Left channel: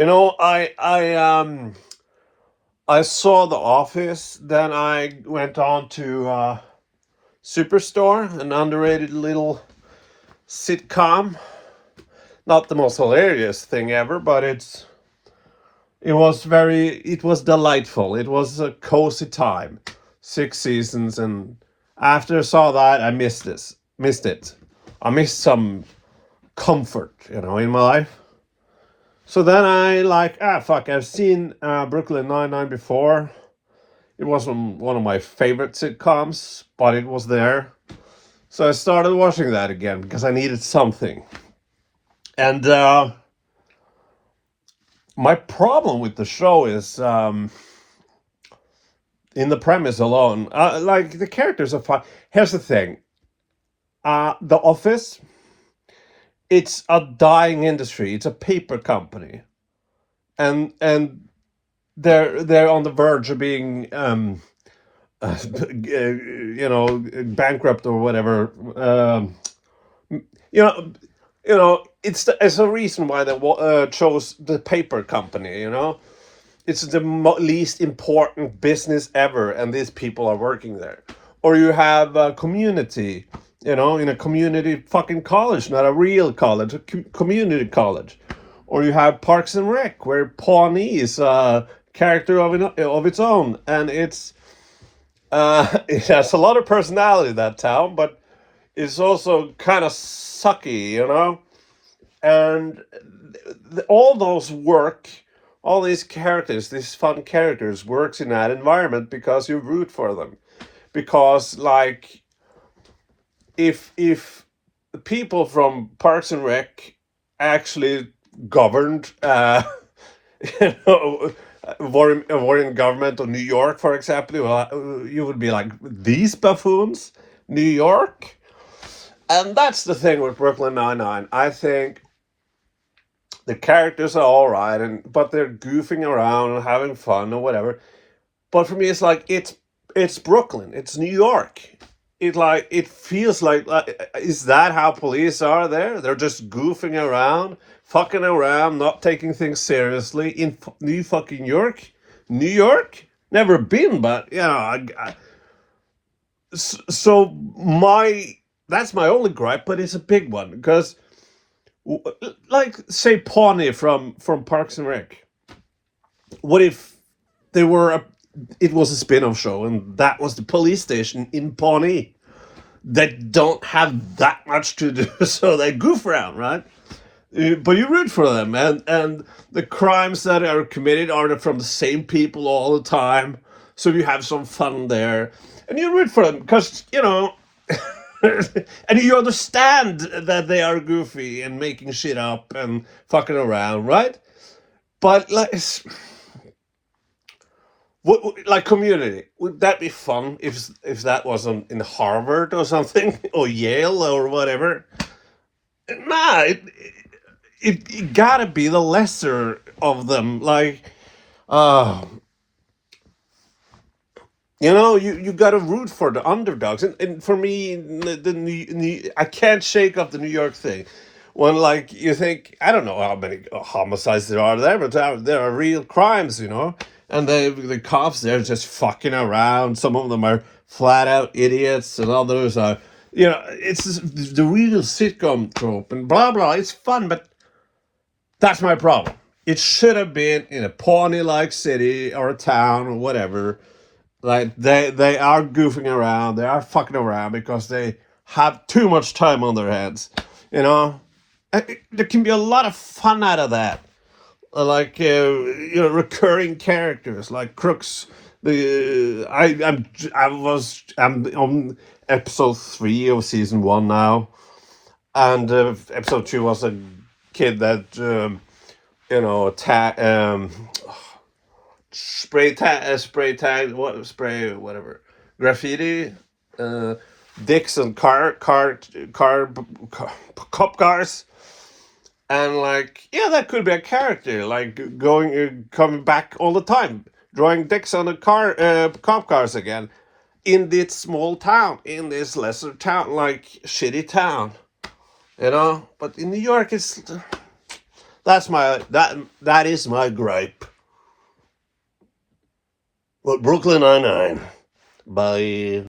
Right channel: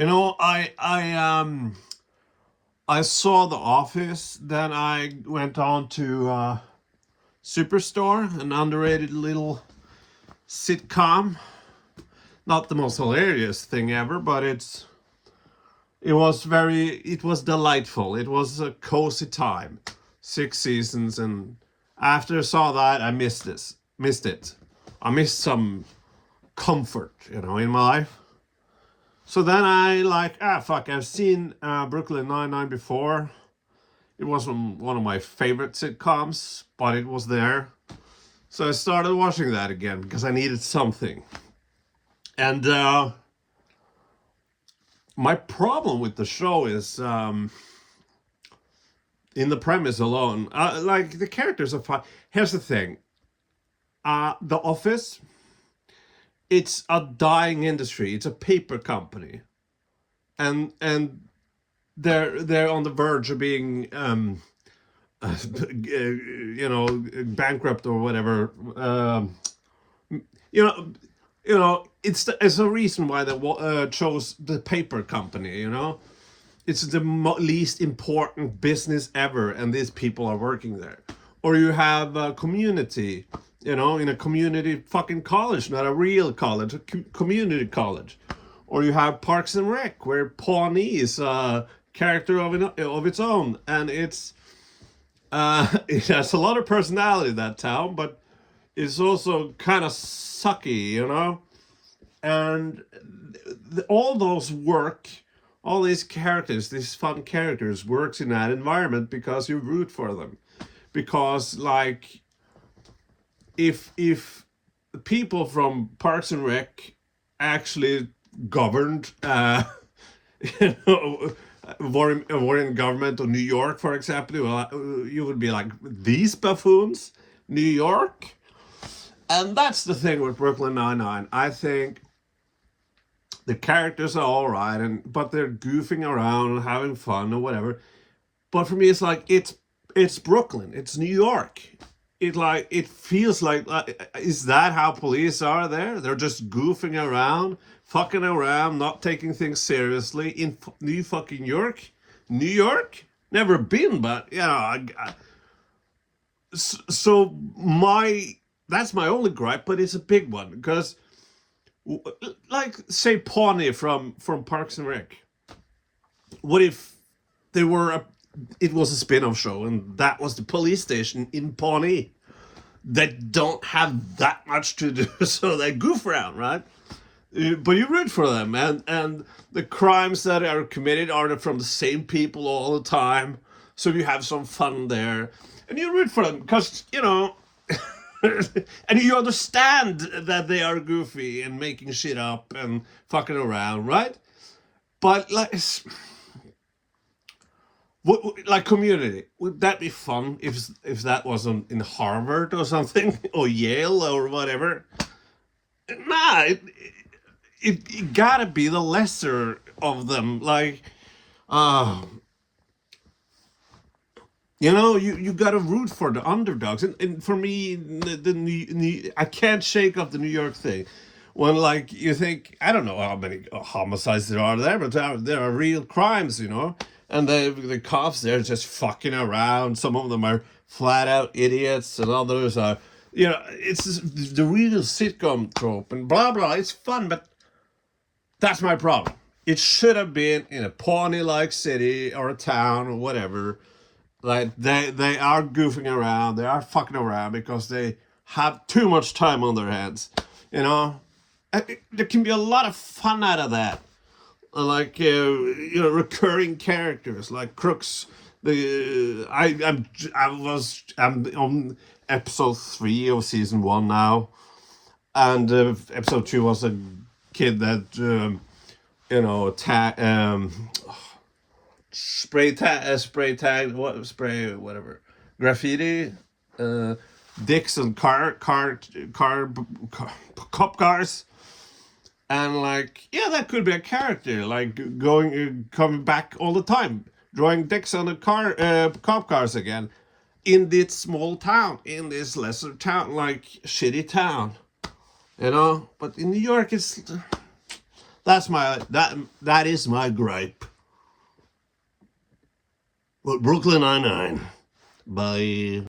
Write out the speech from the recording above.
You know, I saw The Office, then I went on to Superstore, an underrated little sitcom. Not the most hilarious thing ever, but it was delightful. It was a cozy time. 6 seasons, and after I saw that, I missed it. I missed some comfort, in my life. So then I like, fuck, I've seen Brooklyn Nine-Nine before. It wasn't one of my favorite sitcoms, but it was there. So I started watching that again because I needed something. And my problem with the show is in the premise alone. Like, the characters are fun. Here's the thing. The Office, it's a dying industry. It's a paper company. And they're on the verge of being bankrupt or whatever. You know, it's a reason why they chose the paper company. It's the least important business ever, and these people are working there. Or you have a community, in a community fucking college, not a real college, a community college. Or you have Parks and Rec, where Pawnee is a character of its own, and it has a lot of personality, that town, but it's also kind of sucky. And all those work, all these characters, these fun characters, works in that environment because you root for them. Because, like, if the people from Parks and Rec actually governed, were in government of New York, for example, you would be like, these buffoons, New York. And that's the thing with Brooklyn Nine-Nine. I think the characters are all right, but they're goofing around and having fun or whatever. But for me, it's like it's Brooklyn, it's New York. It feels like, is that how police are there? They're just goofing around, fucking around, not taking things seriously in New fucking York. New York, never been, but so my that's my only gripe, but it's a big one because, like, say Pawnee from Parks and Rec. What if they were it was a spin-off show and that was the police station in Pawnee? They don't have that much to do, so they goof around, right? But you root for them, and the crimes that are committed are from the same people all the time, so you have some fun there, and you root for them because and you understand that they are goofy and making shit up and fucking around, right? But, like Community, would that be fun if that wasn't in Harvard or something or Yale or whatever? Nah, it gotta be the lesser of them. Like, uh, you gotta root for the underdogs, and for me, I can't shake off the New York thing. When, like, you think, I don't know how many homicides there are there, but there are real crimes, and the cops, they're just fucking around. Some of them are flat out idiots, and others are, it's the real sitcom trope, and blah blah. It's fun, but that's my problem. It should have been in a Pawnee-like city or a town or whatever. Like, they are goofing around, they are fucking around because they have too much time on their hands. You know, there can be a lot of fun out of that. Like, recurring characters like Crooks. I'm on episode 3 of season 1 now, and episode 2 was a kid that spray tag, whatever, graffiti, uh, dicks and cop cars, and, like, yeah, that could be a character, like, coming back all the time, drawing dicks on the cop cars again, in this small town, in this lesser town, like, shitty town, But in New York, That is my gripe. But Brooklyn Nine-Nine. Bye.